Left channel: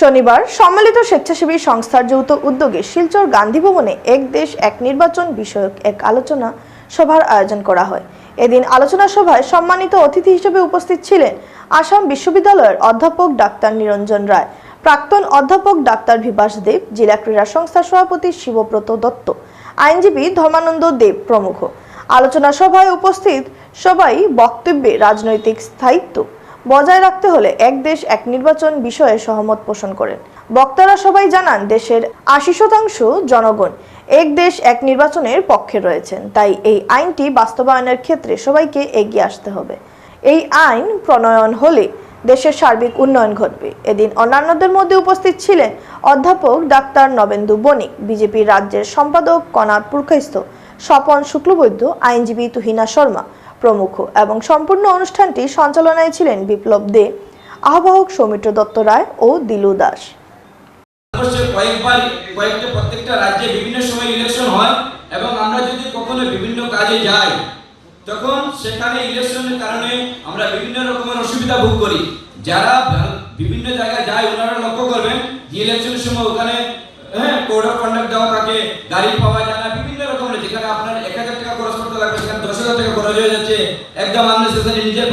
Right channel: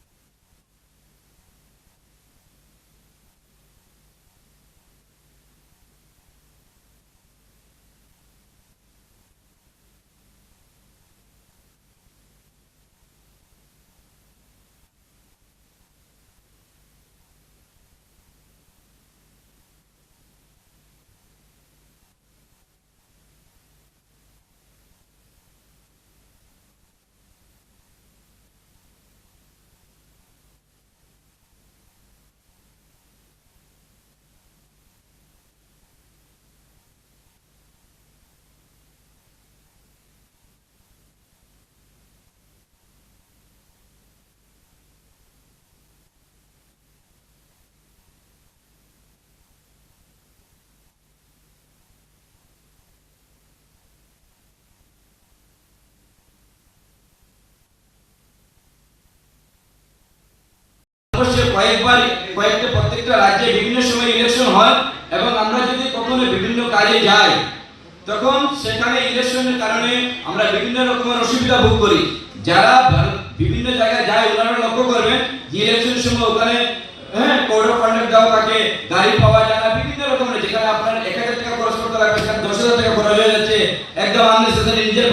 শনিবার সম্মিলিত স্বেচ্ছাসেবী সংস্থার যৌথ উদ্যোগে শিলচর গান্ধী ভবনে এক দেশ, এক নির্বাচন বিষয়ক এক আলোচনা সভার আয়োজন করা হয়। এদিন আলোচনা সভায় সম্মানিত অতিথি হিসেবে উপস্থিত ছিলেন আসাম বিশ্ববিদ্যালয়ের অধ্যাপক ডাক্তার নিরঞ্জন রায়, প্রাক্তন অধ্যাপক ডাক্তার বিভাস দেব, জেলা ক্রীড়া সংস্থার সভাপতি শিবব্রত দত্ত, আইনজীবী ধর্মানন্দ দেব প্রমুখ। আলোচনা সভায় উপস্থিত সবাই বক্তব্যে রাজনৈতিক স্থায়িত্ব বজায় রাখতে হলে এক দেশ এক নির্বাচন বিষয়ে সহমত পোষণ করেন। বক্তারা সবাই জানান, দেশের আশি শতাংশ জনগণ এক দেশ এক নির্বাচনের পক্ষে রয়েছেন। তাই এই আইনটি বাস্তবায়নের ক্ষেত্রে সবাইকে এগিয়ে আসতে হবে। এই আইন প্রণয়ন হলে দেশের সার্বিক উন্নয়ন ঘটবে। এদিন অন্যান্যদের মধ্যে উপস্থিত ছিলেন অধ্যাপক ডাক্তার নবেন্দু বণিক বিজেপি রাজ্যের সম্পাদক কনাদ পুরখাইস্থ, স্বপন শুক্লবৈদ্য, আইনজীবী তুহিনা শর্মা প্রমুখ এবং সম্পূর্ণ অনুষ্ঠানটি সঞ্চালনায় ছিলেন বিপ্লব দে। আহ্বায়ক সৌমিত্র দত্ত রায় ও দিলু দাস। তখন সেখানে ইলেকশনের কারণে আমরা বিভিন্ন রকমের অসুবিধা ভোগ করি। যারা বিভিন্ন জায়গায় যায়, ওনারা লক্ষ্য করবেন ইলেকশনের সময় ওখানে কোড অফ কন্ডাক্ট দেওয়া থাকে, গাড়ি পাওয়া যায় না বিভিন্ন রকমের যেখানে আপনার এক হাজার টাকা খরচ করতে লাগবে সেখানে দশ হাজার টাকা খরচ হয়ে যাচ্ছে একদম আননেসেসারি নিজের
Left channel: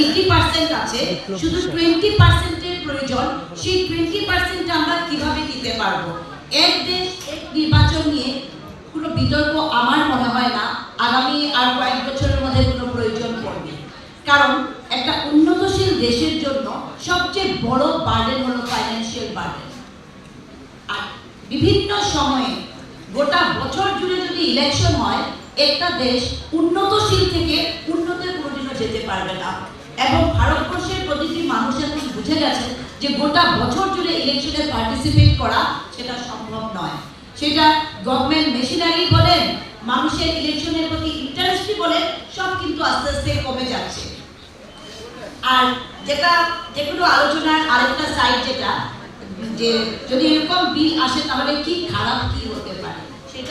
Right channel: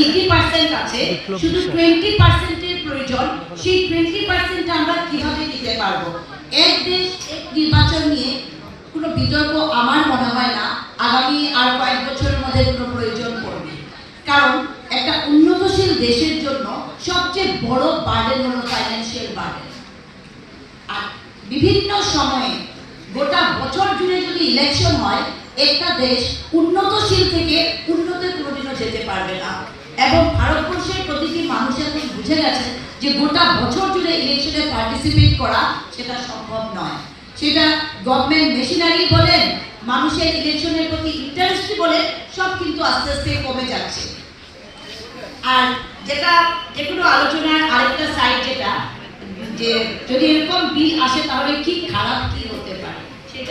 এইটি পার্সেন্ট আছে শুধু টোয়েন্টি পার্সেন্টের প্রয়োজন সেই টোয়েন্টি পার্সেন্ট আমরা কীভাবে দিতে পারব? এক দেশ এক নির্বাচন নিয়ে কোনো বিতর্ক আমার মনে হয় না আগামী আর কয়েক বছরের মধ্যে কোনো প্রয়োজন পড়বে। কারণ একটা উন্নতশীল দেশের জন্য সবচেয়ে বড় হলো ফাইন্যান্সিয়াল আর বিভিন্ন সময়ে গোটা বছর জুড়ে যদি ইলেকশন হয় একটা দেশ উন্নতশীল থেকে মানুষ এখন বুঝে গেছে যে গোটা বছর জুড়ে ইলেকশনে পার্টিসিপেট করা সেটা সম্ভব নয়। সেটা গভর্নমেন্ট মেশিনারি বলেন, মানুষের ইলেকশনের প্রতি ইন্টারেস্ট বলে সব কিন্তু আস্তে আস্তে কমে যাচ্ছে। আর যেটা যেগুলো আলোচনার আরেকটা সাইড যেটা, যে যদি এরকম বিল আসে তাহলে কি খারাপ কি হতে